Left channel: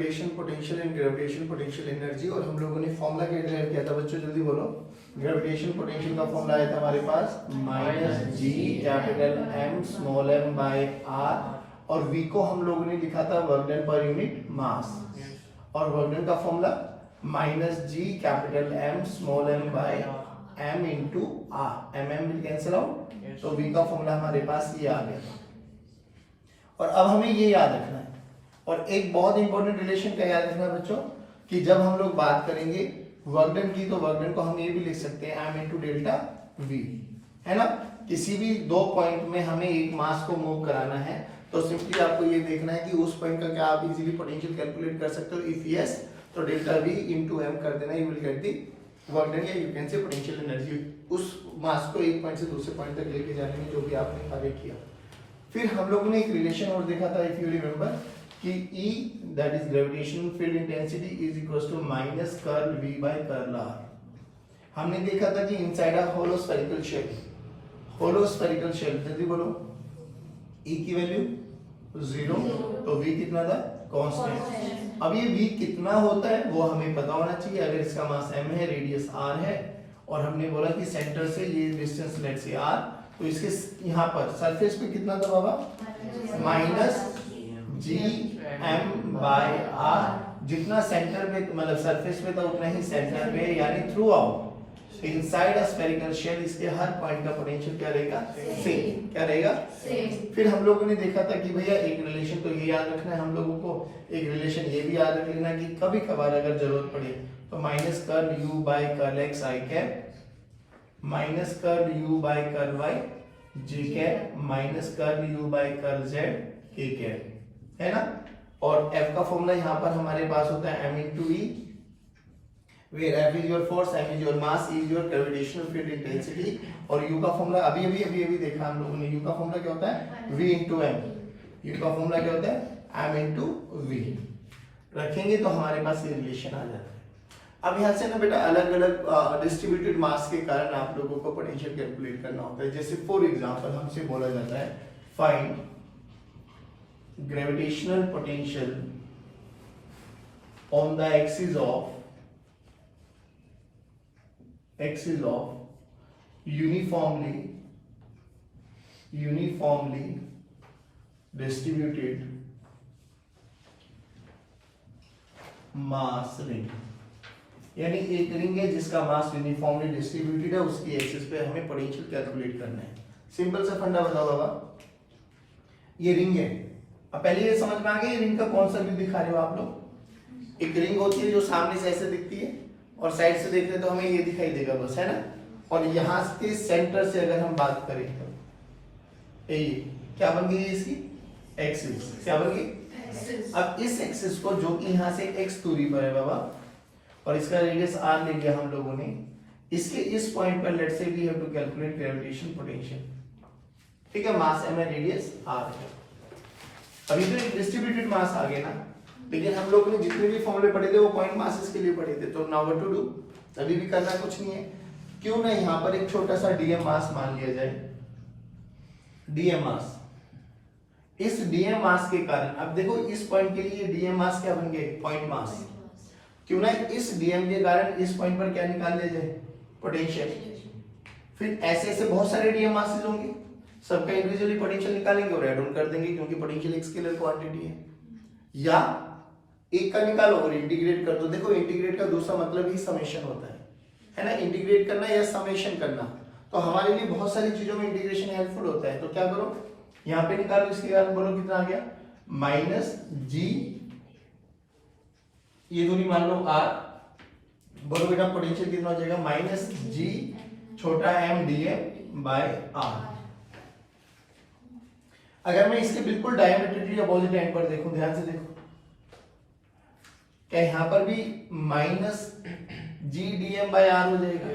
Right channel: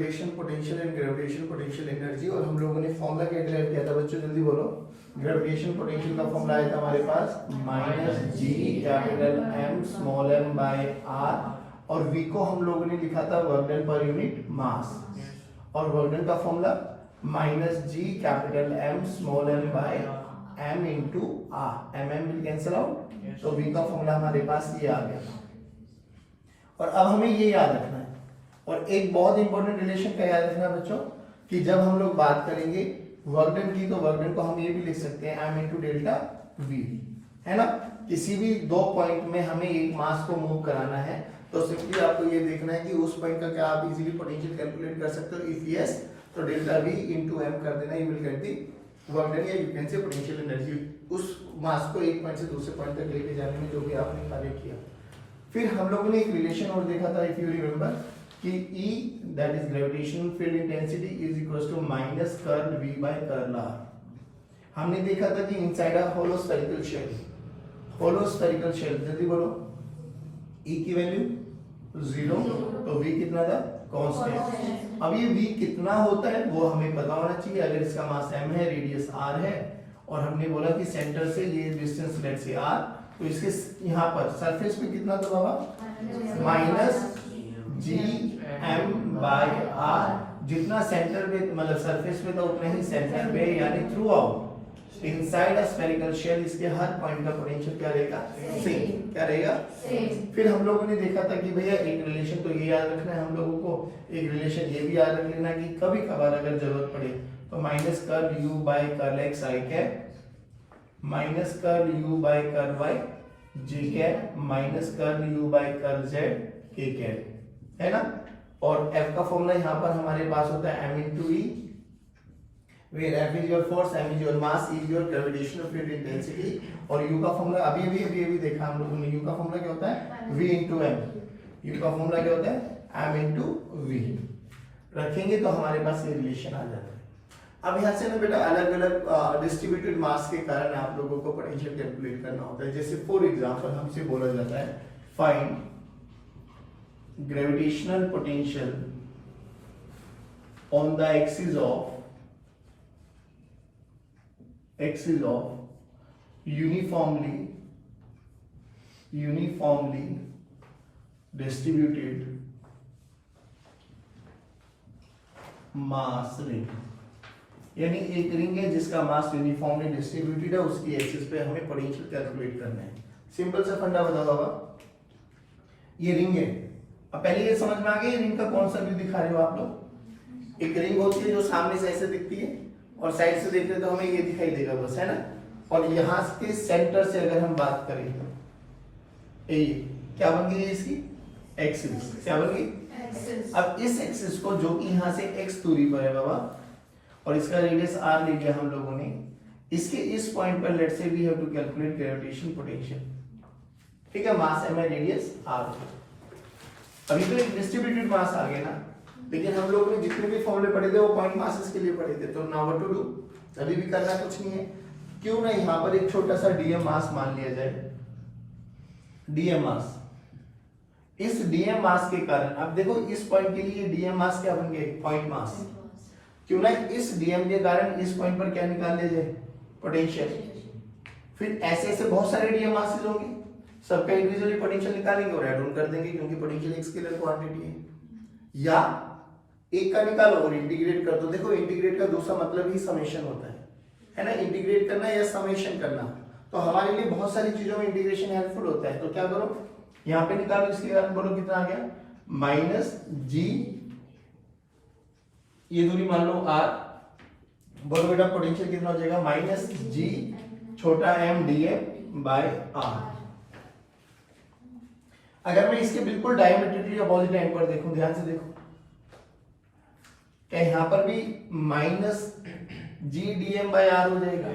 Gravitation potential and gravitation potential energy, और हम लोगों ने फॉर्मूला क्या ड्राइव किया था बच्चों, जल्दी बोलो। ग्रेविटेशन पोटेंशियल का फॉर्मूला आया था हमारे पास -g capital M small m by r, और v को हम लोगों ने लिखा था work done per unit mass, और वर्क डन का formula -g capital M small m by m into r, mm will cancel out, तो v का फॉर्मूला हमारे पास ये आ गया। और अब हमें ये याद रखना है, और एक बहुत इंपॉर्टेंट रिलेशन का याद रखना है बच्चों, कि जब हम लोग बात करेंगे वर्क डन की, तो वर्क डन को हम ये भी लिख सकते हैं m into डेल्टा v, है ना। किसी भी दो पॉइंट में हमें एक मास को मूव कराना है, तो सिंपली आपको ये देखना है कि उस पॉइंट का क्या आप इजीली पोटेंशियल कैलकुलेट कर सकते हो। इफ यस, तो डेल्टा v into m कर देना, you will get the work done, या you can say potential energy, उस मास को एक पॉइंट से दूसरे पॉइंट तक लेके जाने में जो भी आपने कार्य किया। फिर हम लोगों ने एक रिलेशन और देखा था, इफ यू रिमेंबर, कि E that is gravitational field intensity is equals to minus curl V by curl R। हमने देखा था कि inside a hollow spherical shell, hollow spherical shell, जल्दी बोलो, E की वैल्यू 0, तो V कितना था, कांस्टेंट। अब ये V कितना होता है वो हमें पता होना चाहिए। अगर इसका मास m है, रेडियस r है, और हमने बोला कि सेंटर से ये डिस्टेंस लेट से r, तो इसके यहाँ पर सरफेस पे कितना था बाबा, -gm बाय r, जितना सेंटर पे मतलब सरफेस पे था उतना ही सेंटर पे, यानी throughout inside a spherical shell इसके हर पॉइंट का पोटेंशियल क्या रहेगा, सेम। क्या रहेगा, सेम। फिर हम लोगों ने देखा था कि भैया एक रिलेशन तो ये याद रखना है हम लोगों को, एक रिलेशन ये भी याद रख लेना कि कभी कभार अगर जरूरत पड़े तो minus curl u by curl x i cap minus curl u by curl y j cap minus curl u by curl z k cap, है ना। और f का फॉर्मूला यहाँ पर हमारे पास होता है m into e, where f is your force, m is your mass, e is your gravitational field intensity, और u का फॉर्मूला अभी देखा हम लोगों ने, u का फॉर्मूला क्या होता है, v into m, u का फॉर्मूला क्या होता है, m into v। रखेंगे तो हमारे पास ये रिलेशन आ जाता है। अब यहाँ से ना बेटा अलग अलग डिस्ट्रीब्यूटेड मास के कारण आप लोगों को पोटेंशियल कैलकुलेट करना होता है। जैसे फॉर एग्जांपल हमसे बोला जाता है find gravitational potential on the axis of uniformly distributed mass ring, यानी एक रिंग है जिसका मास यूनिफॉर्मली डिस्ट्रीब्यूटेड है, उसकी एक्सिस पे हमें पोटेंशियल कैलकुलेट करना है। सिंपल सा फंडा बताओ बाबा, ये रिंग है। अब पहले ये समझ में आ गया रिंग का कौन सा व्यू दिखा रहे हो आप लोग। एक रिंग होती है जो सामने से ऐसे दिखती है, और साइड से देखते तो हमें ये दिखाई देगा बस, है ना। और यहाँ के सेंटर से अगर हम बात करें, ये क्या बन गई इसकी एक्सिस, क्या बन गई एक्सिस। अब इस एक्सिस को जो कि यहाँ से x दूरी पर है बाबा, और इसका रेडियस r ले लिया हम लोगों ने, इसके इस पॉइंट पर let's say we have to calculate gravitation potential, ठीक है। मास m है, रेडियस r है। अभी तो एक डिस्ट्रीब्यूटेड मास आ गया ना, लेकिन हम लोगों ने जितने भी फॉर्मूले पढ़े थे वो पॉइंट मासेस के लिए पढ़े थे। तो नाउ व्हाट टू डू, अभी भी करना कुछ नहीं है, क्यों ना यहाँ पर एक छोटा सा डीएम मास मान लिया जाए। डीएम मास, इस डीएम मास के कारण अब देखो इस पॉइंट के लिए डीएम मास क्या बन गया, पॉइंट मास। क्यों ना इस डीएम के कारण इस पॉइंट पर क्या निकाल लिया जाए, पोटेंशियल। फिर ऐसे ऐसे बहुत सारे डीएम मासेस होंगे, सबका इंडिविजुअली पोटेंशियल निकालेंगे और ऐड ऑन कर देंगे, क्योंकि पोटेंशियल एक स्केलर क्वांटिटी है। या एक का निकालो और इंटीग्रेट कर दो। देखो इंटीग्रेट का दूसरा मतलब ही समेशन होता है ना, इंटीग्रेट करना या समेशन करना। तो हमारे लिए बहुत सारी चीजों में इंटीग्रेशन हेल्पफुल होता है। तो क्या करो, यहाँ पे निकालो, इसके कारण बोलो कितना आ गया, -g, ये दूरी मान लो r, बोलो बेटा पोटेंशियल कितना हो जाएगा, -g छोटा m dm बाय r। अगर मैं इसके बिल्कुल डायमेट्रिकली अपोजिट एंड पर देखूं, ध्यान से देखो, क्या यहाँ पर भी -g dm बाय r हो जाएगा।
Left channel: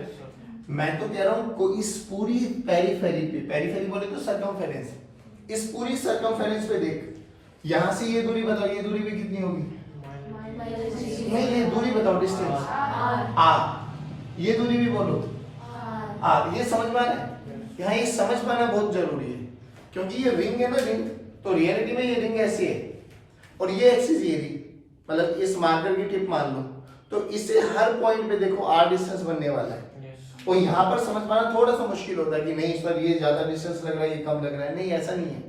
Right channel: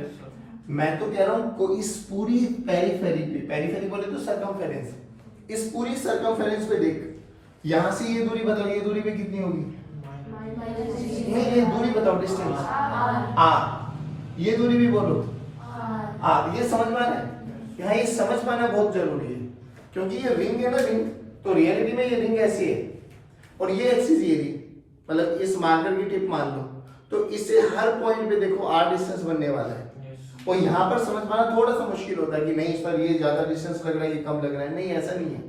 मैं तो कह रहा हूं इस पूरी पेरिफेरी पे, पेरिफेरी बोले तो सर्कमफेरेंस, इस पूरी सर्कमफेरेंस पे देख, यहां से ये दूरी बताओ, ये दूरी भी कितनी होगी, नहीं ये दूरी बताओ, डिस्टेंस r, ये दूरी भी बोलो r। ये समझ में आ रहा है, यहाँ ये समझ पाना बहुत जरूरी है, क्योंकि ये रिंग है ना, रिंग, तो रियलिटी में ये रिंग ऐसी है और ये एक्सिस ये रही, मतलब इस मार्कर की टिप मान लो, तो इससे हर पॉइंट पे देखो r डिस्टेंस बनने वाला है। और यहाँ पर समझ पाना थोड़ा सा मुश्किल होता है कि नहीं सर ये ज्यादा डिस्टेंस लग रहा है, ये कम लग रहा है, नहीं ऐसा नहीं है।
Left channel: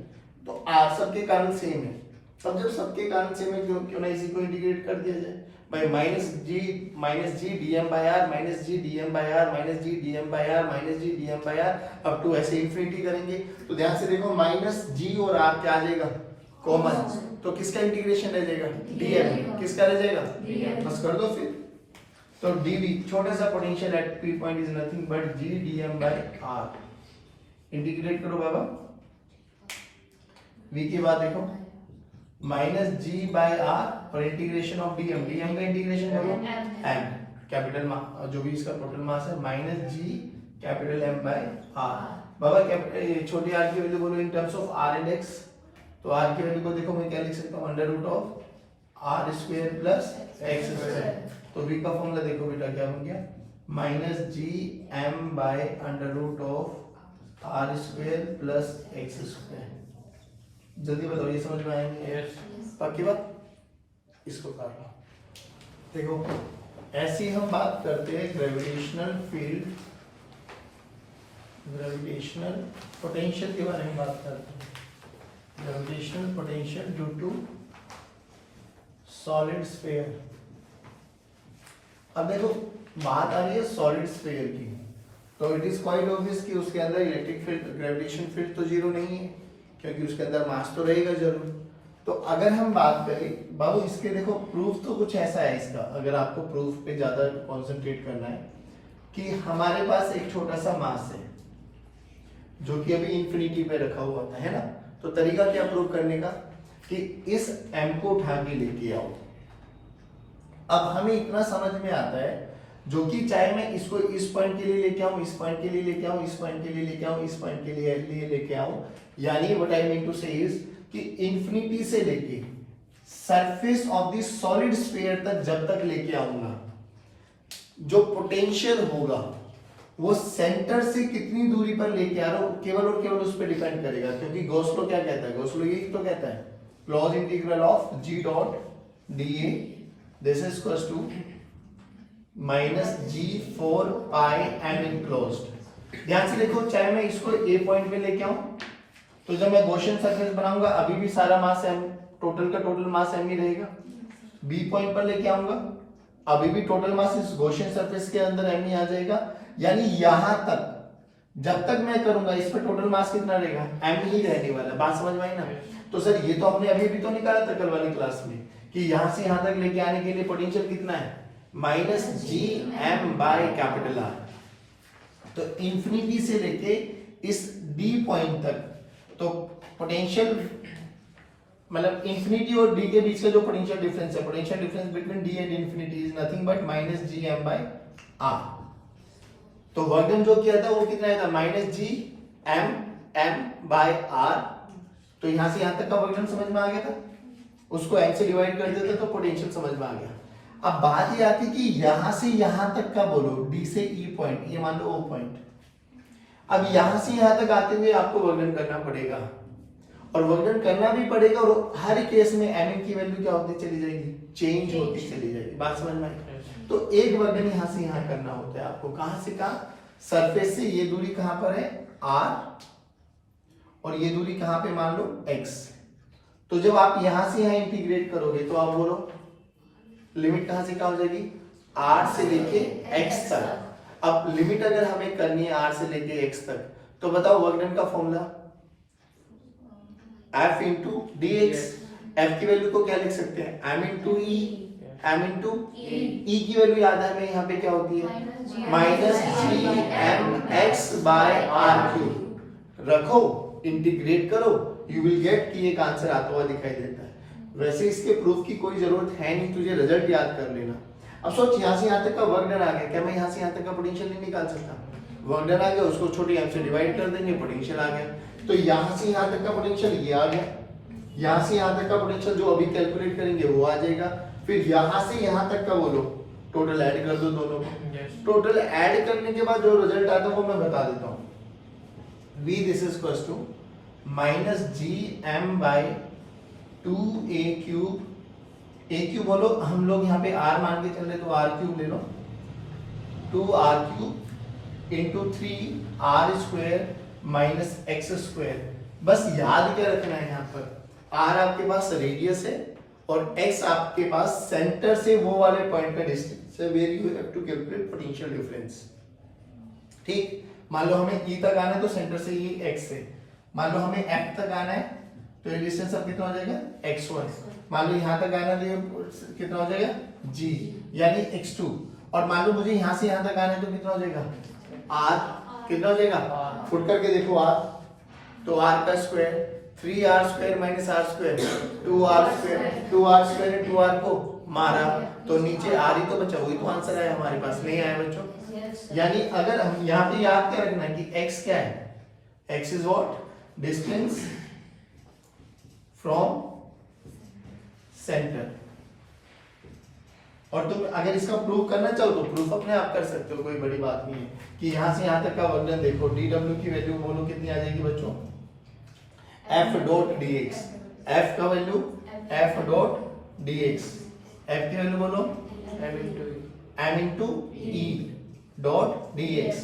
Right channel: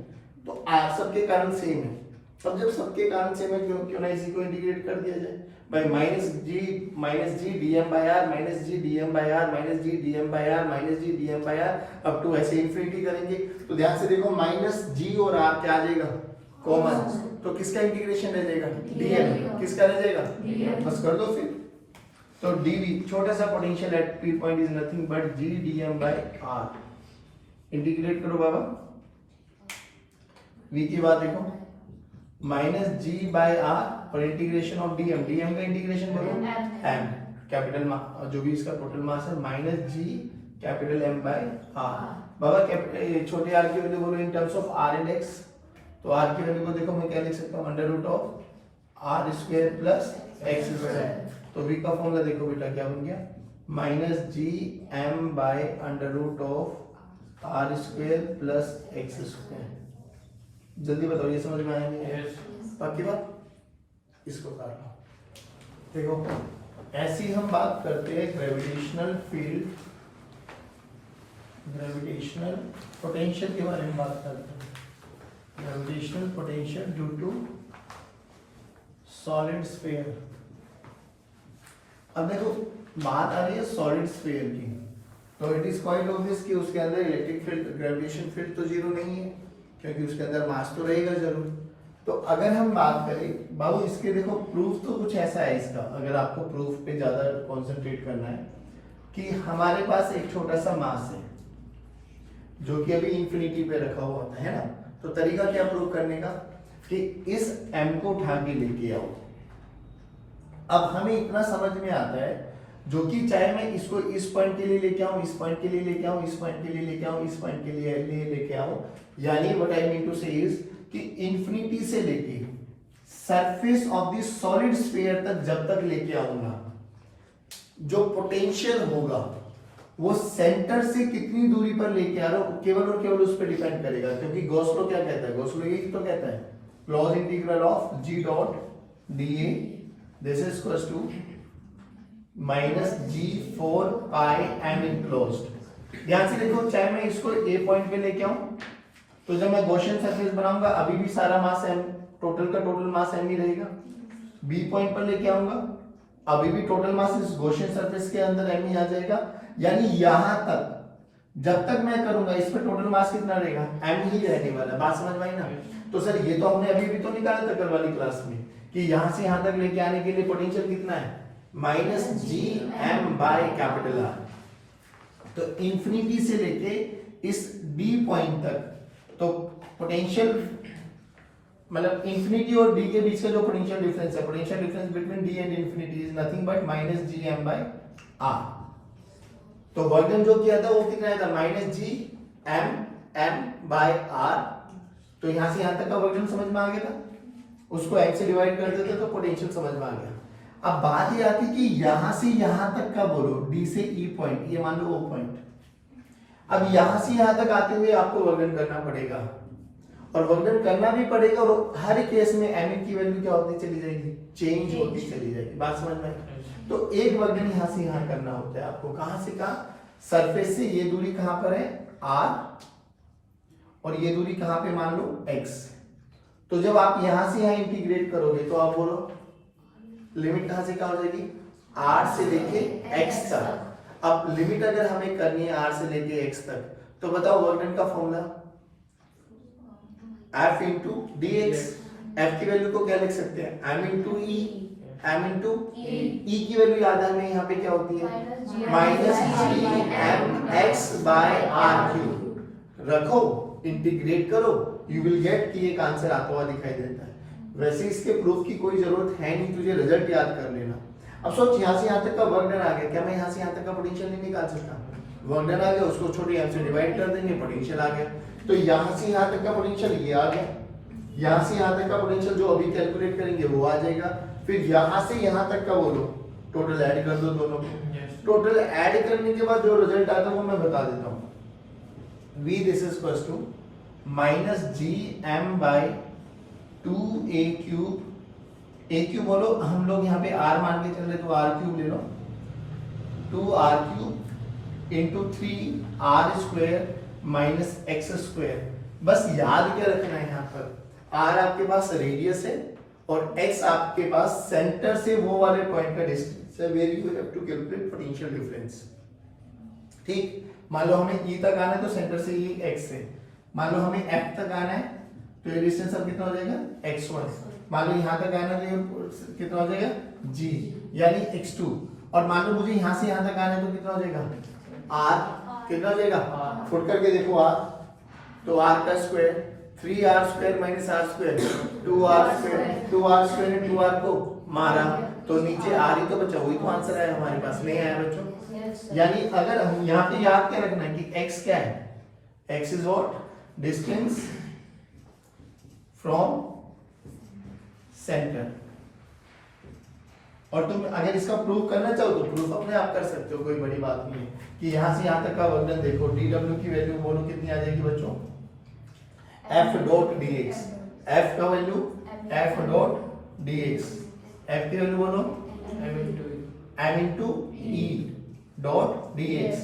तो r सबके कारण सेम है। अब जब सबके कारण सेम है, क्यों ना इसी को इंटीग्रेट कर दिया जाए भाई, minus G dm by r minus G dm by r minus G dm by r minus G dm by r up to ऐसे इंफिनिटी करेंगे। तो ध्यान से देखो माइनस जी और r क्या आ जाएगा, कॉमन, तो किसका इंटीग्रेशन रह जाएगा, dm, किसका रह जाएगा, बस कर दो फिर। तो dv छोटा सा potential at p point is nothing but g dm by r, integrate करो बाबा। v की बात देखो माइनस जी बाय आर और इंटीग्रेशन ऑफ डीएम, डीएम का इंटीग्रेशन करो एम, कैपिटल जो भी इसका टोटल मास है minus G capital M by R. बाबा छोटे आर की वैल्यू बोलो in terms of R and X, तो आर की वैल्यू को देखो मैं क्या लिख सकता हूँ, under root of R square plus X square. तो वी का फॉर्मूला देखो बेटा क्या बन गया, minus G M by under root of R square plus X square. जल्दी बताओ ये समझ में आएंगे? पक्की बात, इसको काट लो। देखो ऐसी हम बात करते हैं ग्रेविटेशनल फील्ड, ग्रेविटेशनल पोटेंशियल के बारे में बात करते हैं। Gravitational potential due to solid sphere. अब देखो बात आ रही है सॉलिड स्फीयर की, तो इट इज क्वाइट ऑब्वियस कि उसके अंदर इलेक्ट्रिक फील्ड, ग्रेविटेशन फील्ड तो जीरो नहीं है, क्योंकि उसके अंदर मास तो रहेगा जरूर। तो अगर हम बात करें बाबू इसके, देखो प्रूफ तो कुछ ऐसा है इसका, अगर आपको प्रूफ पे ज्यादा कंसंट्रेट करना है, कि हमारे पास एक छोटा सा मास है जो कि अभी इंफिनिटी पे रखा हुआ था, है ना। तो तरीका क्या प्रूफ करने का, कि इस m को उठा के लेके आओ। अब हमें इतना समझ में आता है, जो कि चाहे मैं इसको इस पॉइंट के लिए लेके आऊं, इस पॉइंट के लिए लेके आऊं, इस पॉइंट के लिए लेके आऊं, इस पॉइंट के लिए लेके आऊं, यानी व्हाट आई मीन टू से इज कि इंफिनिटी से लेके surface of the solid sphere तक जब तक लेके आऊंगा, जो पोटेंशियल होगा वो सेंटर से कितनी दूरी पर लेके आ रहा हूं केवल और केवल उस पर डिपेंड करेगा। क्योंकि गॉस लॉ क्या कहता है, गॉस लॉ यही तो कहता है, close integral of g dot dA this is equals to minus g4 pi m enclosed. ध्यान से देखो, चाहे मैं इसको a पॉइंट पे लेके आऊं, तो जब मैं गॉसियन सरफेस बनाऊंगा अभी भी सारा मास m, टोटल का टोटल मास m ही रहेगा। b पॉइंट पर लेके आऊंगा अभी भी टोटल मास इस गॉसियन सरफेस के अंदर m ही आ जाएगा। यानी यहां तक जब तक मैं करूंगा इस पर टोटल मास कितना रहेगा, m ही रहने वाला। बात समझ में आई ना। तो सर ये तो हमने अभी भी तो निकाला था कल वाली क्लास में, कि यहां से यहां तक लेके आने के लिए पोटेंशियल कितना है, minus G M by capital R. तो इंफिनिटी से लेके इस डी पॉइंट तक, तो पोटेंशियल मतलब इंफिनिटी और डी के बीच का जो पोटेंशियल डिफरेंस है, potential difference between D and infinity is nothing but minus G M by R. तो वर्क डन जो किया था वो कितना आया था, minus G M by R. तो यहां से यहां तक का वर्क डन समझ में आ गया था, उसको एम से डिवाइड कर देते तो पोटेंशियल समझ में आ गया। अब बात ये आती कि यहां से यहां तक का बोलो, डी से ई पॉइंट, ये मान लो ओ पॉइंट। अब यहां से यहां तक आते हुए आपको वर्णन करना पड़ेगा, और वर्णन करना भी पड़ेगा, और हर केस में एम की वैल्यू क्या होती चली जाएगी, चेंज होती चली जाएगी। बात समझ में आई। तो एक वर्णन यहां से यहां करना होता है आपको, कहां से कहां, सरफेस से ये दूरी कहां पर है r, और ये दूरी कहां पे मान लो x। तो जब आप यहां से यहां इंटीग्रेट करोगे तो आप बोलो लिमिट कहां से कहां हो जाएगी, r से लेके x तक। अब लिमिट अगर हमें करनी है r से लेके x तक, तो बताओ वर्क डन का formula f into dx। f की वैल्यू को क्या लिख सकते हैं, m into e, m into e की वैल्यू याद है हमें यहाँ पे क्या होती है, minus G M X by R cube. रखो, इंटीग्रेट करो, यू विल गेट कि एक आंसर आता हुआ दिखाई देता है। वैसे इसके प्रूफ की कोई जरूरत है नहीं, तुझे रिजल्ट याद कर लेना। अब सोच यहाँ से यहाँ तक का वर्क डन आ गया, क्या मैं यहाँ से यहाँ तक का पोटेंशियल नहीं निकाल सकता, वर्क डन आ गया, उसको छोटी एम से डिवाइड कर देंगे, पोटेंशियल आ गया। तो यहाँ से यहाँ तक का पोटेंशियल ये आ गया, यहाँ से यहाँ तक का पोटेंशियल जो अभी कैलकुलेट करेंगे वो आ जाएगा। फिर यहाँ से यहाँ तक का बोलो, टोटल ऐड कर दो दोनों को। टोटल ऐड करने के बाद जो रिजल्ट आता है वो मैं बता देता हूँ। v this is equals to minus G M by 2a cube A cube बोलो, हम लोग यहाँ पे आर मान के चल रहे तो आर क्यूब ले लो, 2r³ into 3r² minus x²। बस याद क्या रखना है, यहाँ पर r आपके पास रेडियस है और x आपके पास सेंटर से वो वाले पॉइंट का डिस्टेंस है where you have to calculate potential difference. ठीक, मान लो हमें E तक आना है तो सेंटर से ये x है, मान लो हमें F तक आना है तो ये डिस्टेंस अब कितना हो जाएगा x1, मान लो यहाँ तक आना है तो कितना हो जाएगा g यानी x2, और मान लो मुझे यहाँ से यहाँ तक आना है तो कितना हो जाएगा r, कितना हो जाएगा फुट करके देखो r, तो r का square 3r² minus r², 2r² ने 2r को मारा तो नीचे r ही तो बचा, वही तो आंसर है हमारे पास, नहीं आया बच्चों। यानी अगर हम यहाँ पे याद क्या रखना है कि x क्या है, x is what distance from centre. और तुम अगर इसका प्रूफ करना चाहो तो प्रूफ अपने आप कर सकते हो, कोई बड़ी बात नहीं है कि यहां से यहां तक का वजन देखो, dw की वैल्यू बोलो कितनी आ जाएगी बच्चों, f डॉट dx, f का value f dot dx, f की वैल्यू बोलो m into e dot dx,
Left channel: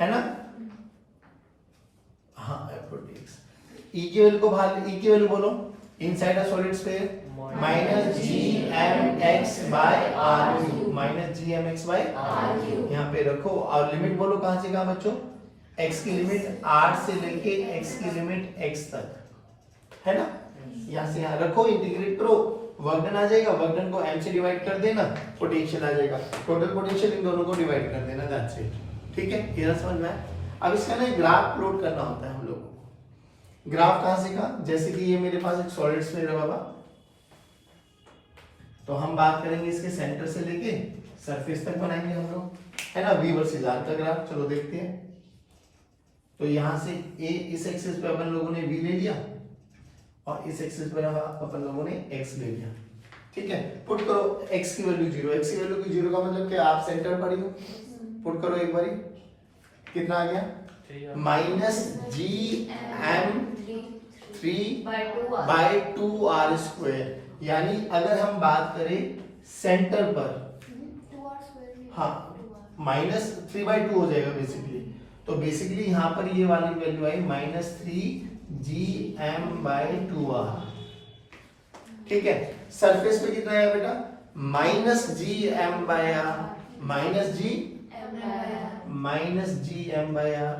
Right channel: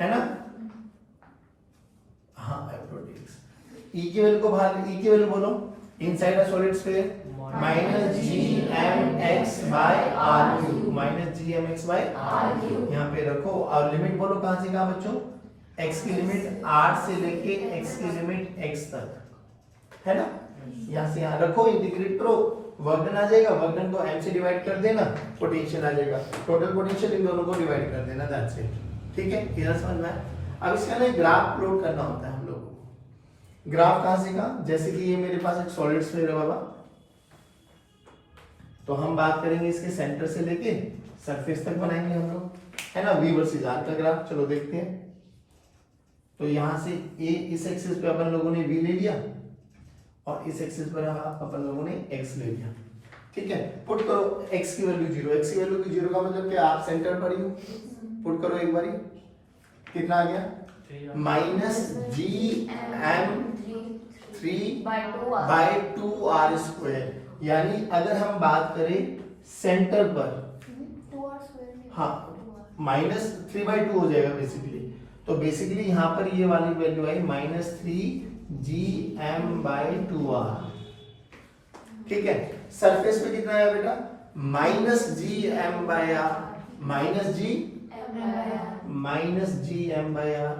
है ना, हाँ f डॉट dx। e की वैल्यू को बाहर, e की वैल्यू बोलो inside a solid sphere minus gmx by r³ minus gmx by r³ यहाँ पे रखो, और लिमिट बोलो कहां से कहां बच्चों, x की लिमिट r से लेके x की लिमिट x तक, है ना, यहाँ से यहाँ रखो, इंटीग्रेट करो, वर्कडन आ जाएगा, वर्कडन को m से डिवाइड कर देना, पोटेंशियल आ जाएगा, टोटल पोटेंशियल इन दोनों को डिवाइड कर देना, दैट्स इट। ठीक है, क्लियर समझ में आया। अब इसका ना ग्राफ प्लॉट करना होता है हम लोग को। ग्राफ कहां से कहां, जैसे कि ये मेरे पास एक सॉलिड स्फीयर है बाबा, तो हम बात करेंगे इसके सेंटर से लेके सरफेस तक बनाएंगे हम लोग, है ना, v वर्सेस r का ग्राफ, चलो देखते हैं। तो यहां से a इस एक्सिस पे अपन लोगों ने v ले लिया और इस एक्सिस पर अपन लोगों ने x ले लिया, ठीक है। पुट करो x की वैल्यू 0, x की वैल्यू की 0 का मतलब क्या, आप सेंटर पर ही हो, पुट करो एक बारी, कितना आ गया माइनस gm3/2r², यानी अगर हम बात करें सेंटर पर, हाँ माइनस 3/2 हो जाएगा बेसिकली, तो बेसिकली यहाँ पर ये वाली वैल्यू आई माइनस 3gm/2r, ठीक है। सरफेस पे कितना आया बेटा, माइनस gm/r, माइनस gm/r।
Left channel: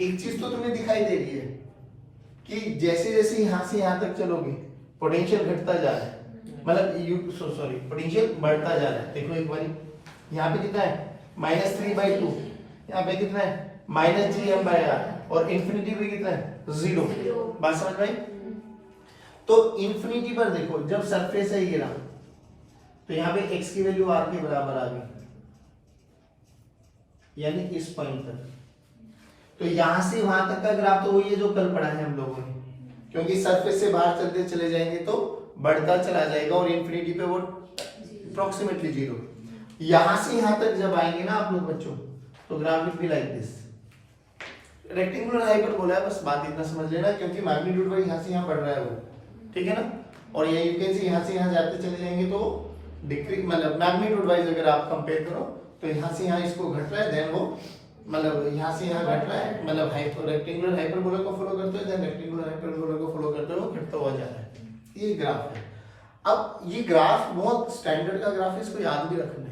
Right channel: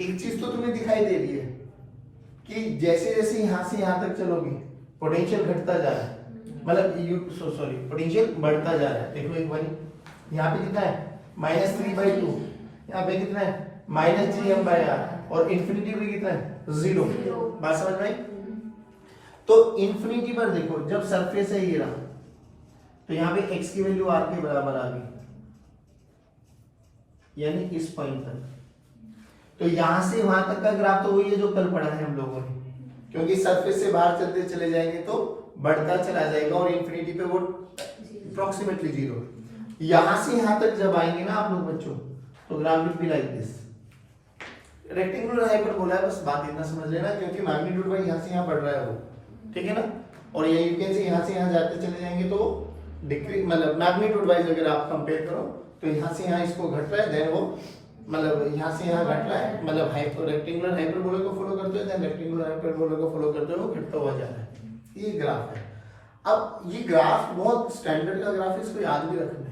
एक चीज तो तुम्हें दिखाई दे रही है कि जैसे जैसे यहां से यहां तक चलोगे पोटेंशियल घटता जा रहा है, मतलब सॉरी पोटेंशियल बढ़ता जा रहा है। देखो एक बार यहाँ पे कितना है माइनस 3/2, यहाँ पे कितना है माइनस gm/r, और इंफिनिटी पे कितना है 0। बात समझ में आई। तो इंफिनिटी पर देखो जब सरफेस है ये रहा, तो यहाँ पे x की वैल्यू r के बराबर आ गई, यानी इस पॉइंट तक। तो यहां से वहां तक का ग्राफ तो वही है जो कल पढ़ा है हम लोगों ने, क्योंकि सरफेस से बाहर चलते चले जाएंगे तो बढ़ता चला जाएगा और इंफिनिटी पे वो अप्रोक्सीमेटली 0। यहां से यहां तक जब आएंगे ना आप लोग बच्चों, तो graph will be like this. Rectangular hyper बोला है, बस बात इतना समझ लेना, क्योंकि मैग्नीट्यूड वाइज यहां से यहां बढ़ रहा है वो, ठीक है ना। और ये यू कैन से यहां जाते चले जाएंगे तो डिक्रीज, मतलब मैग्नीट्यूड वाइज अगर आप कंपेयर करो तो यहां से यहां इसको घट रहा है, देन वो मतलब यहाँ से यहाँ घट रहा है, मतलब रेक्टेंगुलर हाइपरबोला को फॉलो करते हुए देन रेक्टेंगुलर हाइपरबोला को फॉलो करते हुए घटता हुआ जा रहा है। ये ग्राफ है। अब ये ग्राफ बहुत स्टैंडर्ड का ग्राफ है, इसको याद भी रखना है,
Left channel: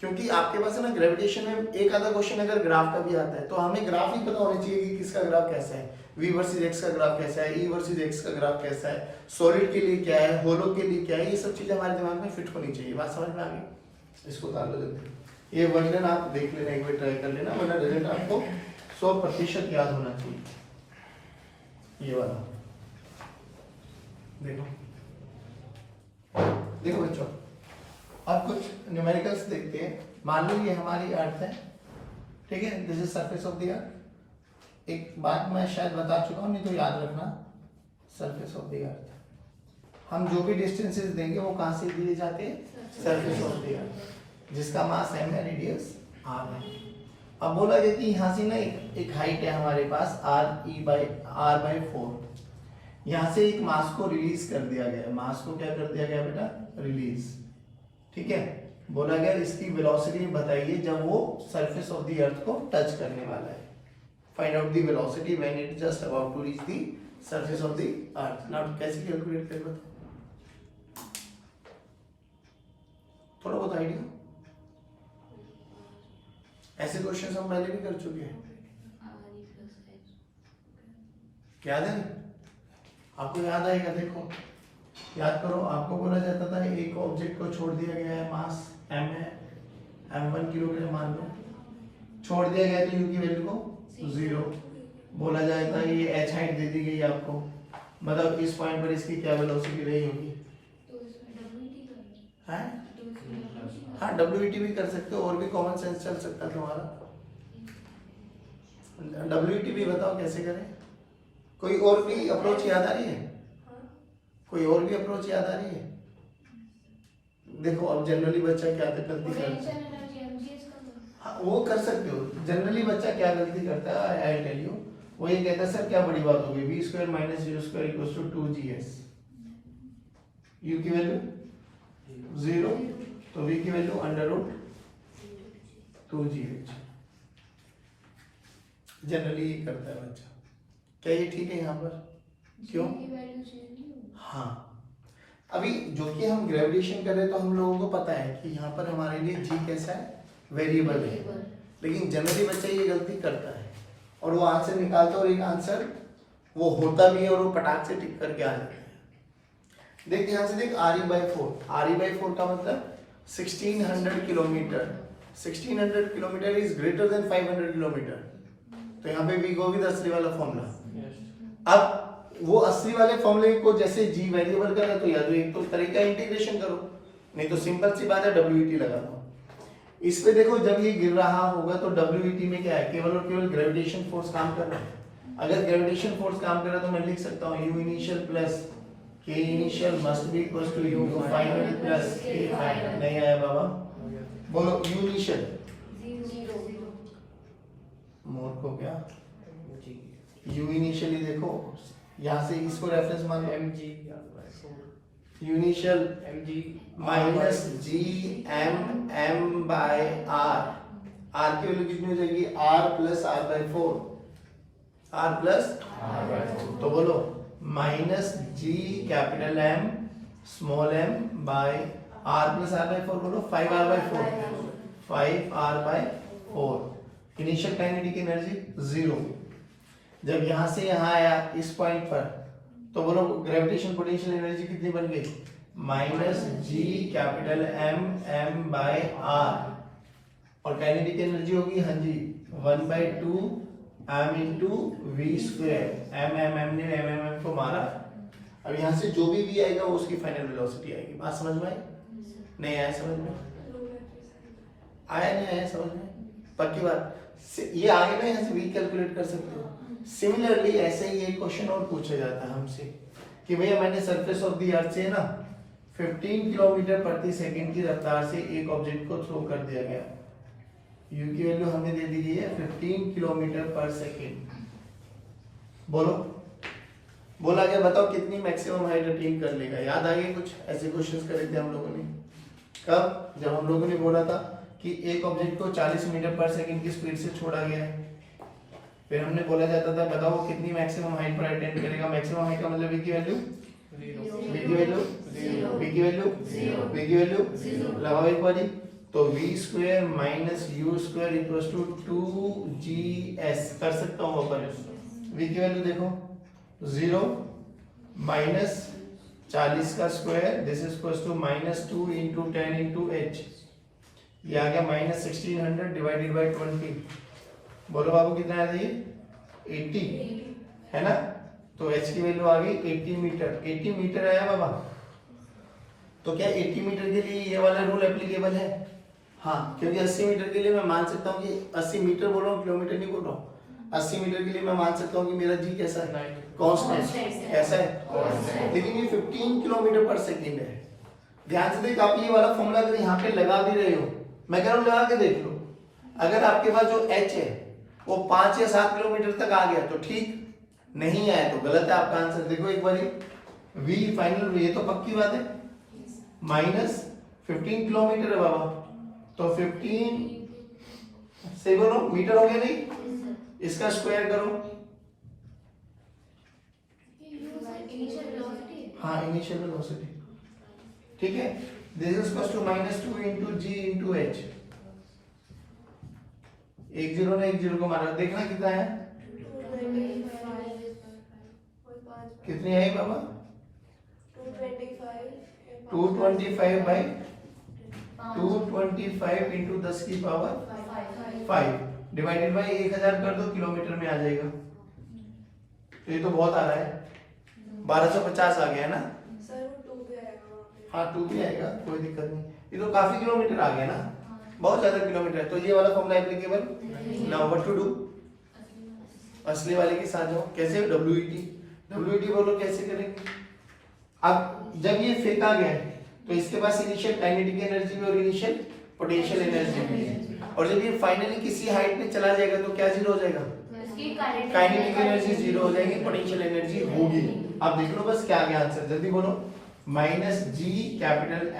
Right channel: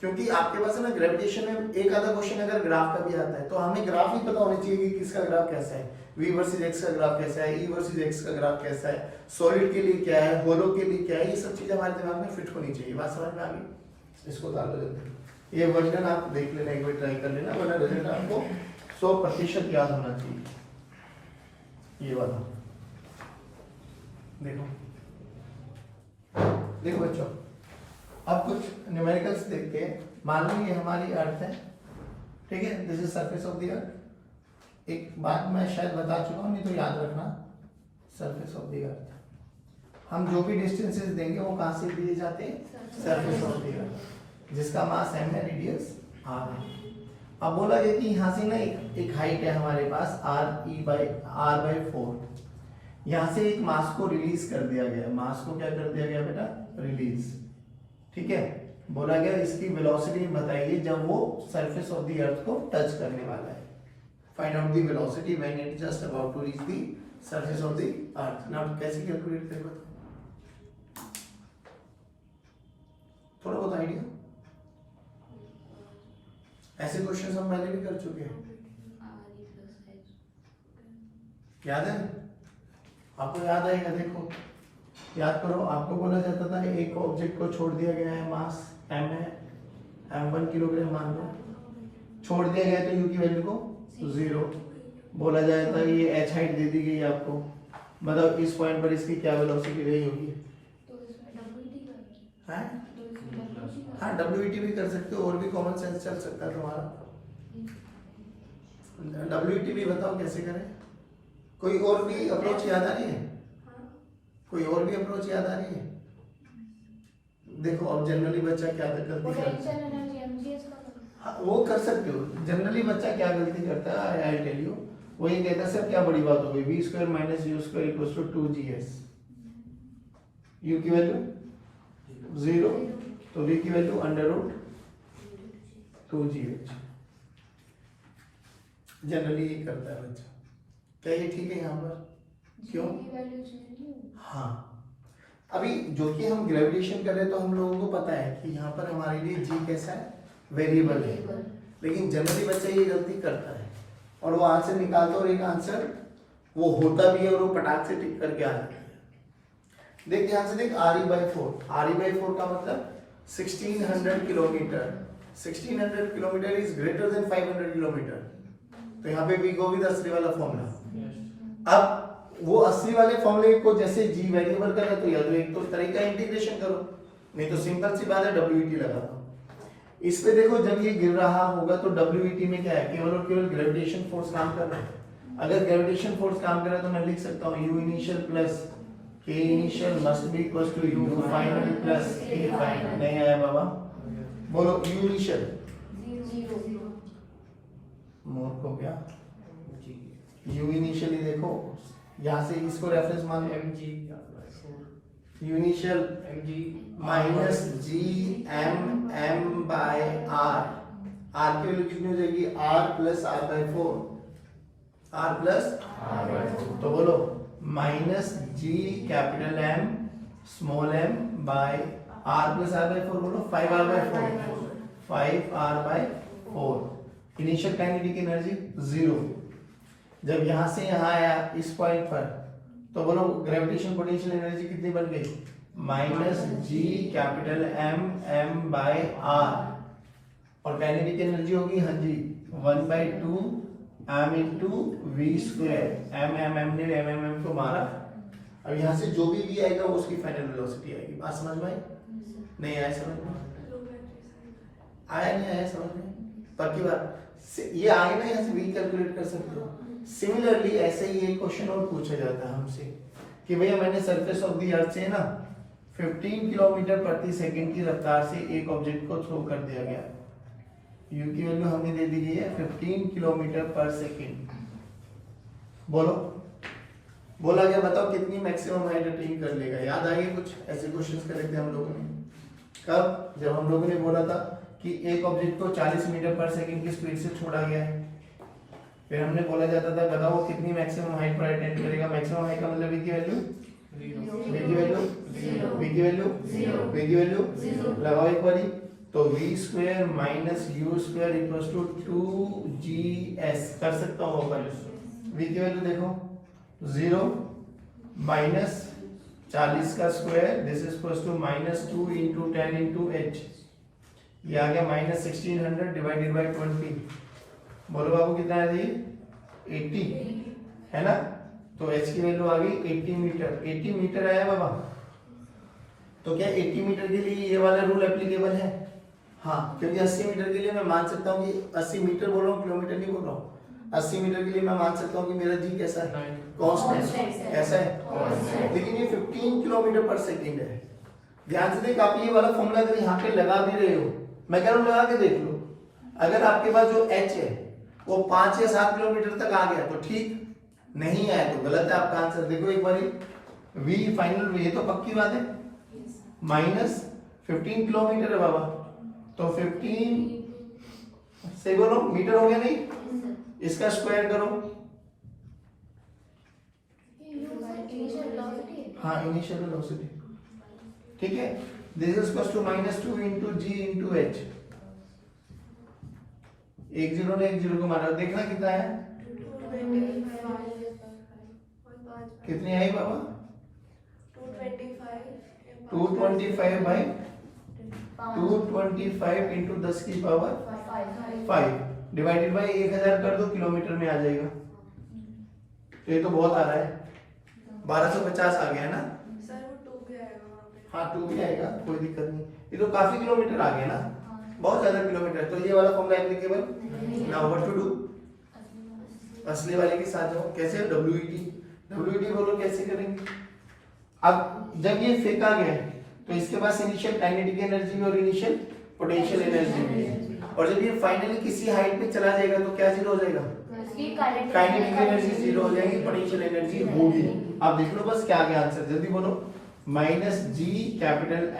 क्योंकि आपके पास है ना ग्रेविटेशन में एक आधा क्वेश्चन अगर ग्राफ का भी आता है तो हमें ग्राफ ही पता होना चाहिए कि किसका ग्राफ कैसा है, v वर्सेस x का ग्राफ कैसा है, e वर्सेस x का ग्राफ कैसा है, सॉलिड के लिए क्या है, होलो के लिए क्या है, ये सब चीजें हमारे दिमाग में फिट होनी चाहिए। बात समझ में आ गई। इसको डाल दो जल्दी, ये वर्णन आप देख लेना, एक बार ट्राई कर लेना, वरना रिजल्ट आपको 100% याद होना चाहिए। ये वाला देखो, देखो बच्चों, अब कुछ न्यूमेरिकल्स देखते हैं। मान लो ये हमारी अर्थ है, ठीक है, this is surface of the अर्थ। एक बात मैं शायद बता चुका हूं, नहीं तो याद रखना, सरफेस ऑफ द अर्थ हम जो भी डिस्टेंसेस देंगे वो कहां से दिए जाते हैं, सरफेस ऑफ द अर्थ, जिसका मास m है, रेडियस r है। अब बोला गया कि यहाँ से ना एक हाइट है हमारे पास r/4, यहाँ से एक मास को रिलीज कर दिया गया, मास को क्या कर दिया गया बेटा, रिलीज, ठीक है। बोला गया इसकी वेलोसिटी बताइए जब वो सरफेस ऑफ द अर्थ को टच करने वाला है। Find out the velocity when it just about to reach the surface of the earth. Now कैसे कैलकुलेट करेंगे, थोड़ा बहुत आइडिया? ऐसे क्वेश्चन हम पहले भी कर चुके हैं, याद है आपको? याद आएगा, देखो याद करो। आपको बोला जाता था एक ऑब्जेक्ट को छोड़ दिया गया है, मास m है, m1 किलोग्राम मान लो, छोड़ दिया गया तो u की वैल्यू को 0 बोला जाता है। ये h हाइट दे दी गई आपको, मतलब इस पॉइंट पर इसकी क्या वेलोसिटी रही होगी? हाँ WT भी कर सकते हो, और भी कॉमन सेंस चल सकता है तुम्हारा। WT भी बताओ कैसे करें? कोई और भी अप्रोच याद आ रही है? कोई और भी अप्रोच याद आ रही है? देखो अब जनरली बच्चा क्या गलती करता है, हाँ वो कर सकते हो। जनरली बच्चा क्या गलती करता है, आई टेल यू, वो ये कहता है सर क्या बड़ी बात हो गई, v square minus u square equals to 2gs, u की वैल्यू 0 तो v की value under root 2gh। Generally ये करता है बच्चा। क्या ये ठीक है यहाँ पर? क्यों? हाँ अभी जो कि हम ग्रेविटेशन कर रहे हैं तो हम लोगों को पता है कि यहाँ पर हमारे लिए g कैसा है, वेरिएबल है, लेकिन जनरली बच्चा ये गलती करता है और वो आंसर निकालता है और एक आंसर वो होता भी है और वो पटाख से टिक करके आ जाता है। देख ध्यान से देख, RE/4 का मतलब 1600 kilometre, 1600 kilometre is greater than 500 kilometre. तो यहाँ पे वी गो विद असली वाला फॉर्मूला। अब वो असली वाले फॉर्मूले को जैसे जी वेरिएबल करना तो या तो एक तो तरीका इंटीग्रेशन करो, नहीं तो सिंपल सी बात है WET लगा दो। इस पे देखो जब ये गिर रहा होगा तो WET में क्या है, केवल और केवल ग्रेविटेशन फोर्स काम कर रहा है। अगर ग्रेविटेशन फोर्स काम कर रहा है तो मैं लिख सकता हूँ U initial plus K initial must be equal to U final plus K final. नहीं आया बाबा, बोलो U इनिशियल 0 मूर्ख हो गया। U इनिशियली देखो यहाँ से इसको रेफरेंस मान लो, mg U initial mg minus g m by r की वैल्यू कितनी हो जाएगी, r plus r/4, r plus r/4। तो बोलो minus g capital M small m by r plus r/4, बोलो 5r/4, 5r/4। Initial kinetic energy 0। जब यहां से यहां आया इस पॉइंट पर तो बोलो ग्रेविटेशन पोटेंशियल एनर्जी कितनी बन गई, minus G capital M by r। और काइनेटिक एनर्जी होगी हाँ जी 1/2 m into V square. m ने m को मारा। अब यहाँ से जो भी v आएगा वो उसकी फाइनल वेलोसिटी आएगी। बात समझ में आई? नहीं आया समझ में? आया नहीं आया समझ में? पक्की बात, ये आगे ना यहाँ से v कैलकुलेट कर सकते हो। सिमिलरली ऐसे ही एक क्वेश्चन और पूछा जाता है हमसे कि भैया मैंने सरफेस ऑफ द अर्थ से ना 15 किलोमीटर प्रति सेकंड की रफ्तार से एक ऑब्जेक्ट को थ्रो कर दिया गया। u की वैल्यू हमें दे दी गई है 15 किलोमीटर पर सेकंड। बोलो बोला गया बताओ कितनी मैक्सिमम हाइट अटेन कर लेगा। याद आ गया कुछ ऐसे क्वेश्चंस करे थे हम लोगों ने कब, जब हम लोगों ने बोला था कि एक ऑब्जेक्ट को 40 मीटर पर सेकंड की स्पीड से छोड़ा गया है। फिर हमने बोला जाता था बताओ कितनी मैक्सिमम हाइट पर अटेन करेगा। मैक्सिमम हाइट का मतलब v की वैल्यू, v की वैल्यू 0, v की वैल्यू 0, v की वैल्यू 0 लगाओ एक बारी। तो v square minus u square equals to 2gs कर सकता हूं अपन। v की वैल्यू देखो 0 माइनस 40 का square this is equals to minus 2 into 10 into h। ये आ गया माइनस 1600 डिवाइडेड बाय 20। बोलो बाबू कितना है ये 80 है ना। तो h की वैल्यू आ गई 80 मीटर। 80 मीटर आया बाबा। तो क्या 80 मीटर के लिए ये वाला रूल एप्लीकेबल है? हाँ, क्योंकि 80 मीटर के लिए मैं मान सकता हूँ कि 80 मीटर बोल रहा हूँ, किलोमीटर नहीं बोल रहा हूँ। 80 मीटर के लिए मैं मान सकता हूँ कि मेरा जी कैसा है, कांस्टेंट कैसा है, लेकिन ये 15 किलोमीटर पर सेकंड है। ध्यान से देख, आप ये वाला फॉर्मूला अगर यहाँ पे लगा भी रहे हो, मैं कह रहा हूँ लगा के देख लो। अगर आपके पास जो h है वो 5 या 7 किलोमीटर तक आ गया तो ठीक, नहीं आया तो गलत है आपका आंसर। देखो एक बार v फाइनल, ये तो पक्की बात है, माइनस 15 किलोमीटर है बाबा, तो 15 से बोलो मीटर हो गया नहीं, इसका स्क्वायर करो। हाँ इनिशियल वेलोसिटी, ठीक है। This is equal to -2 into G into H. एक जीरो ने एक जीरो को मारा, देखना कितना है, कितनी आई बाबा, 225 बाई 225 इंटू 10 की पावर 5 डिवाइडेड बाई 1000 कर दो, किलोमीटर में आ जाएगा। तो ये तो बहुत आ रहा है, 1250 आ गया ना सर, वो 2 भी आएगा वहाँ पे। हाँ 2 भी आएगा, कोई दिक्कत नहीं, ये तो काफी किलोमीटर आ गया ना, बहुत ज्यादा किलोमीटर है। तो ये वाला formula applicable. Now what to do, असली वाले के साथ जाओ। कैसे, डब्ल्यूईटी बोलो कैसे करेंगे। अब जब ये फेंका गया है तो इसके पास इनिशियल काइनेटिक एनर्जी भी और इनिशियल पोटेंशियल एनर्जी भी है, और जब ये फाइनली किसी हाइट पे चला जाएगा तो क्या जीरो हो जाएगा, काइनेटिक एनर्जी जीरो हो जाएगी, पोटेंशियल एनर्जी होगी। अब देख लो बस क्या क्या आंसर, जल्दी बोलो। Minus G capital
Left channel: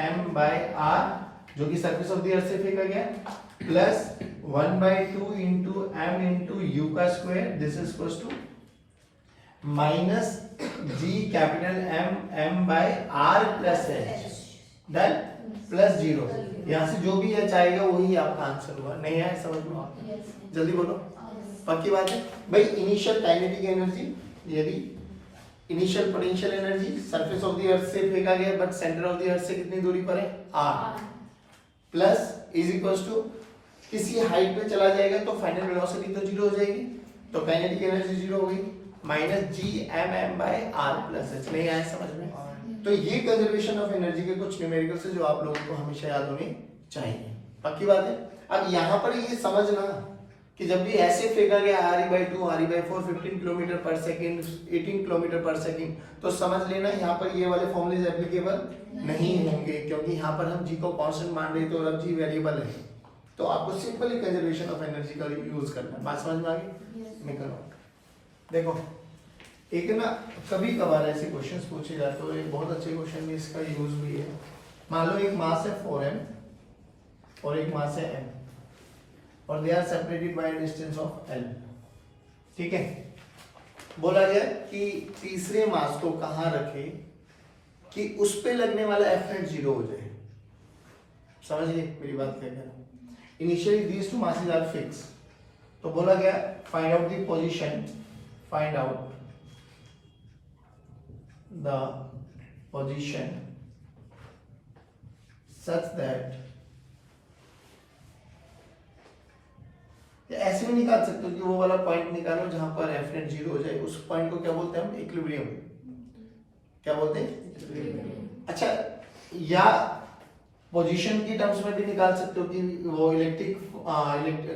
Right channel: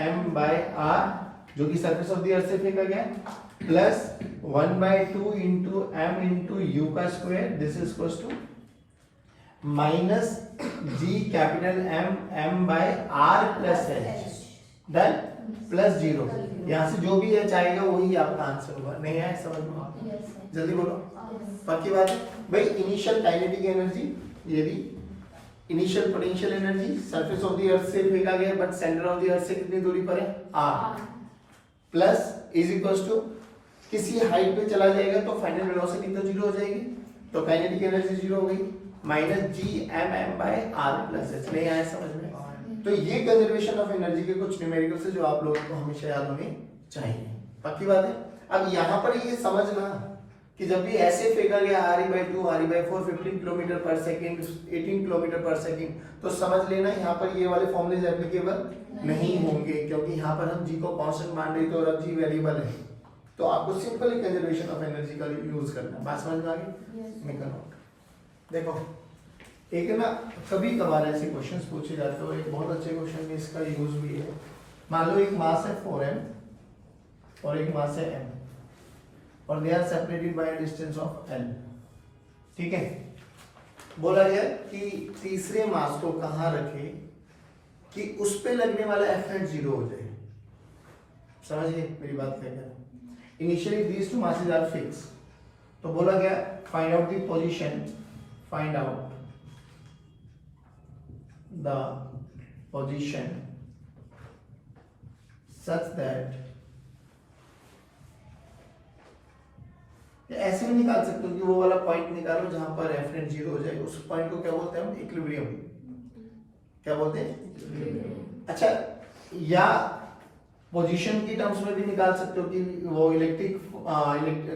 M by R जो कि सरफेस ऑफ द अर्थ से फेंका गया, plus 1/2 into M into U का square, this is equal to minus G capital M by R plus H, done, plus 0। यहां से जो भी एच आएगा वही आपका आंसर होगा। नहीं आया समझ में, जल्दी बोलो, पक्की बात है भाई। इनिशियल काइनेटिक एनर्जी, यदि initial potential energy surface of the earth से फेंका गया but center of the earth से कितनी दूरी पर है, r, plus is equals to किसी हाइट पे चला जाएगा तो फाइनल वेलोसिटी तो जीरो हो जाएगी, तो काइनेटिक एनर्जी जीरो हो गई, minus G M by R plus H. नहीं आया समझ में। तो ये कंजर्वेशन ऑफ एनर्जी के कुछ न्यूमेरिकल्स है जो आप लोगों को हमेशा याद होने चाहिए, पक्की बात है। अब यहाँ पर ये समझना कि जब भी ऐसे फेंका गया RE/2 RE/4 15 किलोमीटर पर सेकंड 18 किलोमीटर पर सेकंड, तो समझ लेना यहाँ पर ये वाले फॉर्मूलेज एप्लीकेबल नहीं होंगे, क्योंकि यहाँ पर हम जी को कांस्टेंट मान रहे, तो अब जी वेरिएबल है, तो आपको सिंपली कंजर्वेशन ऑफ एनर्जी का यूज करना है। बात समझ में आ गई, निकलो। देखो एक ना कभी कभार ऐसे क्वेश्चंस पूछे जाते हो, एक बहुत अच्छे क्वेश्चन में इसका यूज भी है। मान लो एक मास है 4m और एक मास है m और they are separated by a distance of l, ठीक है। बोला गया कि तीसरे मास को कहां रखे कि उस पे लगने वाला F net 0 हो जाए। समझिए मेरी बात क्या है। Initially these two masses are fix, तो बोला गया find out the position, find out the position such that, ऐसे भी निकाल सकते हो कि वो वाला पॉइंट निकालो जहां पर F net 0 हो जाए, उस पॉइंट को क्या बोलते हैं हम, इक्विलिब्रियम। क्या बोलते हैं, अच्छा। या पोजीशन की टर्म्स में भी निकाल सकते हो कि वो इलेक्ट्रिक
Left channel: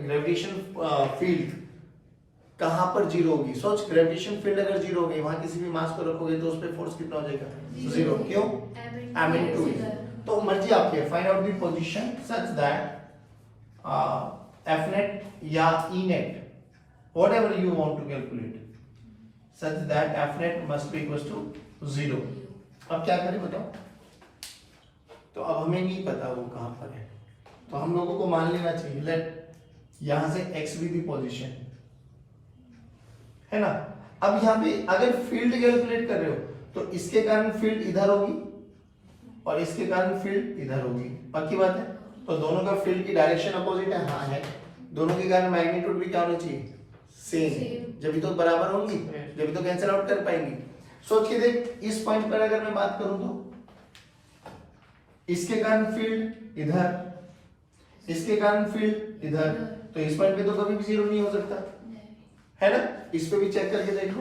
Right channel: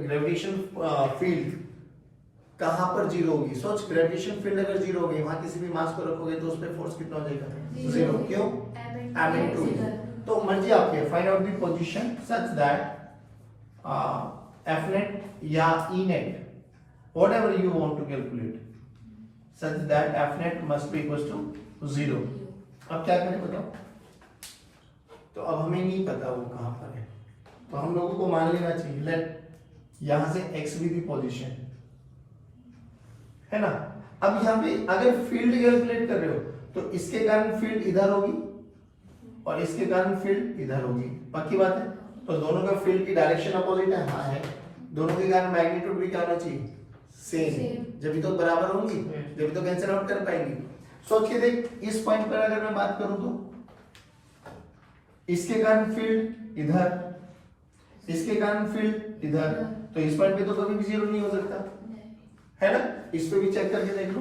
ग्रेविटेशन फील्ड कहां पर जीरो होगी। सोच, ग्रेविटेशन फील्ड अगर जीरो हो गई, वहां किसी भी मास को रखोगे तो उस पे फोर्स कितना हो जाएगा, जीरो। क्यों, m into। तो मर्जी आपकी है, find out the position such that F net या E net, whatever you want to calculate, such that F net must be equals to 0। अब क्या करें बताओ। तो अब हमें नहीं पता वो कहां पर है, तो हम लोगों को मान लेना चाहिए लेट यहां से x भी दी पोजीशन है ना। अब यहाँ पे अगर फील्ड कैलकुलेट कर रहे हो तो इसके कारण फील्ड इधर होगी और इसके कारण फील्ड इधर होगी, पक्की बात है। तो दोनों का फील्ड की डायरेक्शन अपोजिट है, हाँ है। दोनों के कारण मैग्नीट्यूड भी क्या होना चाहिए, सेम। जब भी तो बराबर होंगी, जब भी तो कैंसिल आउट कर पाएंगी। सोच के देख, इस पॉइंट पर अगर मैं बात करूं तो इसके कारण फील्ड इधर, इसके कारण फील्ड इधर, तो इस पॉइंट पे तो कभी भी जीरो नहीं हो सकता है ना। इस पे भी चेक करके देख लो,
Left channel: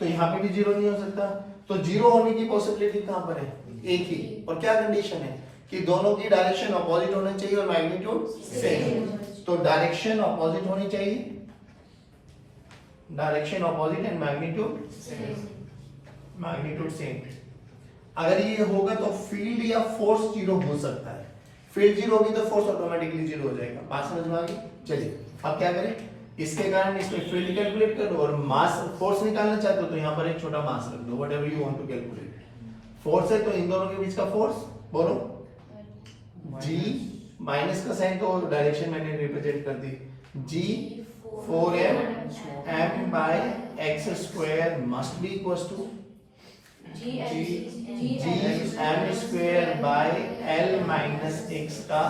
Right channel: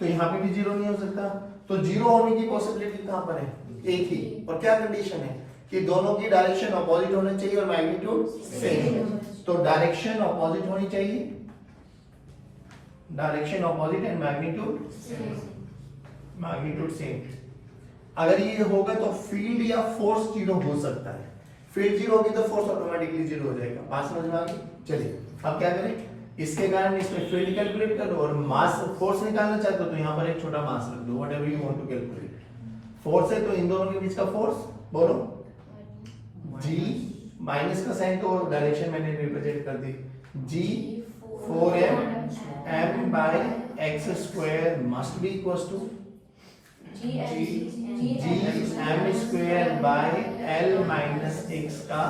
तो यहाँ पे भी जीरो नहीं हो सकता। तो जीरो होने की पॉसिबिलिटी कहां पर है, एक ही। और क्या कंडीशन है कि दोनों की डायरेक्शन अपोजिट होना चाहिए और मैग्नीट्यूड सेम। तो डायरेक्शन अपोजिट होनी चाहिए, direction opposite and magnitude same. अगर ये होगा तो फील्ड या फोर्स जीरो हो सकता है। फील्ड जीरो होगी तो फोर्स ऑटोमेटिकली जीरो हो जाएगा। बात समझ में आ गई। चलिए अब क्या करें, इसके कारण इसमें फील्ड कैलकुलेट कर लो और मास फोर्स निकालना चाहते हो तो यहाँ पर एक छोटा मास रख दो, whatever you want to calculate. Force है तो इन दोनों के बीच का फोर्स बोलो, जी माइनस का साइन तो डायरेक्शन मैंने रिप्रेजेंट कर दी, G 4m m by x square must be equals to g m square by l minus x का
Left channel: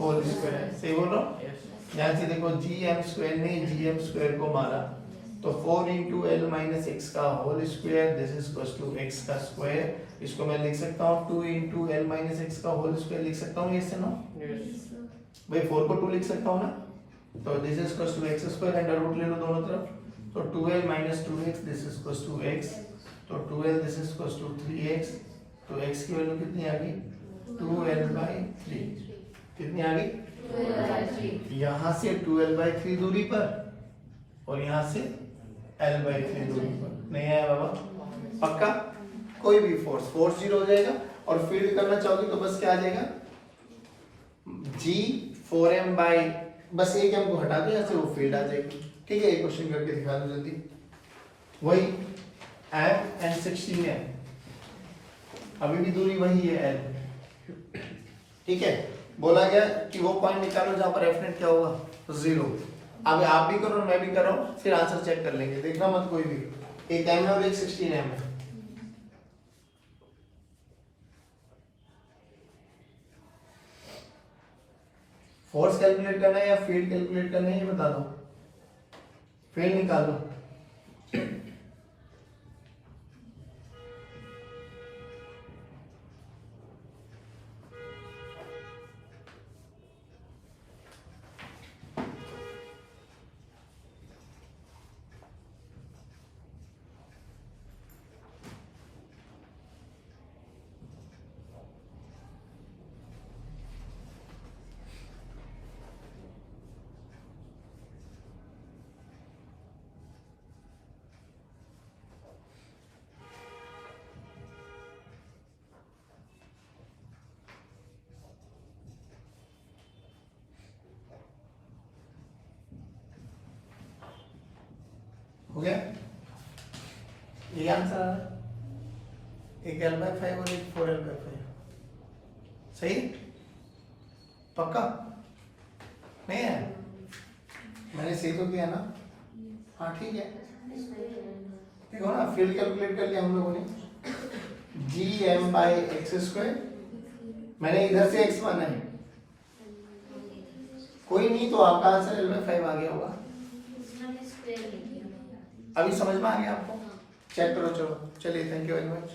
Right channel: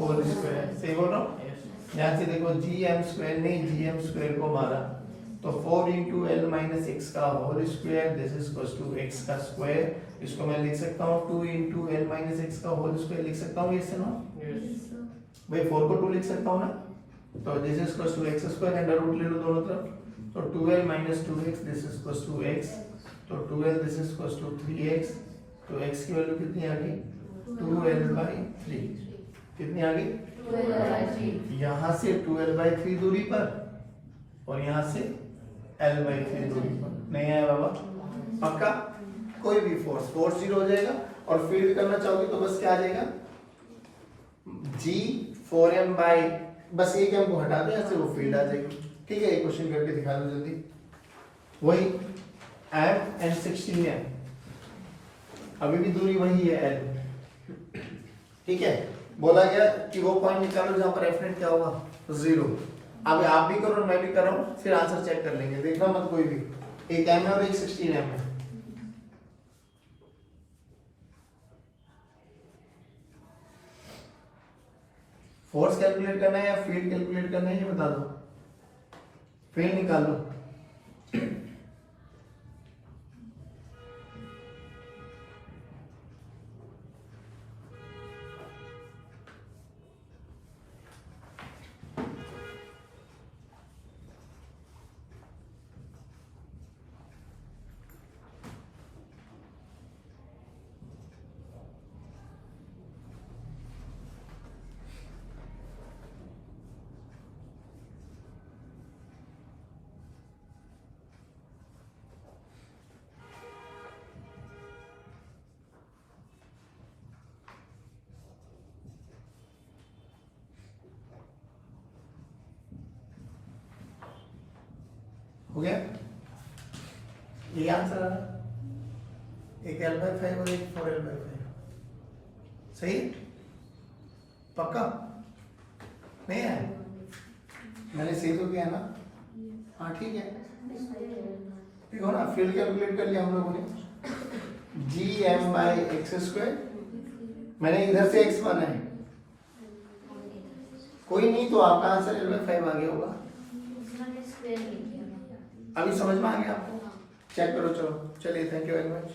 होल स्क्वायर। सही बोलो, ध्यान से देखो, जी एम स्क्वायर ने जी एम स्क्वायर को मारा तो 4 इंटू एल माइनस एक्स का whole square, this is equal to X का स्क्वायर। इसको मैं लिख सकता हूँ 2 इंटू एल माइनस एक्स का होल स्क्वायर लिख सकता हूँ, इससे ना भाई 4 को 2 लिख सकता हूँ ना, तो this is equal to X square, under root ले लो दोनों तरफ, तो 2l minus 2x this is equal to x, तो 2l this is equal to 3x, तो x की वैल्यू कितनी आ गई 2l/3, कितनी आ गई यहाँ से 2l/3 दूरी पर और यहाँ से l/3 दूरी पर। नहीं आया बाबा, पक्का? कोई भी फोर्स 0 हो जाएगा और फील्ड करना चाहोगे तो बस क्या आ जाएगा, g 4m बाई, बस एक m को हटा दो यहाँ से, वो फील्ड आ जाएगी। ठीक है, एक क्वेश्चन करके दिखा दो जल्दी, वही m and 16m, अभी भी दूरी वही है l। ठीक है, बोला गया कि वो पॉइंट निकालो जहां पर f नेट क्या होगा 0। अब आप भी करो मैं भी कर रहा हूं, फिर आंसर चेक कर लेंगे, देखना मत कोई भी, एक m है और एक 16m है। फोर्स कैलकुलेट करना है या फील्ड कैलकुलेट करना है ये बता दो, फील्ड निकाल दो। हो गया, ये आंसर आ रहा है, एक l/5 और एक 4l/5, सही पक्का? नहीं है, मैंने सही तो किया ना? हाँ ठीक है, देखो ना, फील्ड कैलकुलेट कर लिया हम लोगों ने, G M by X square, मैंने इधर से x माना है, कोई नहीं तो आपका आंसर l/5 आ गया होगा। अभी समझ में आ गया आपको? चेक करो, चलो चलिए, थैंक यू वेरी मच।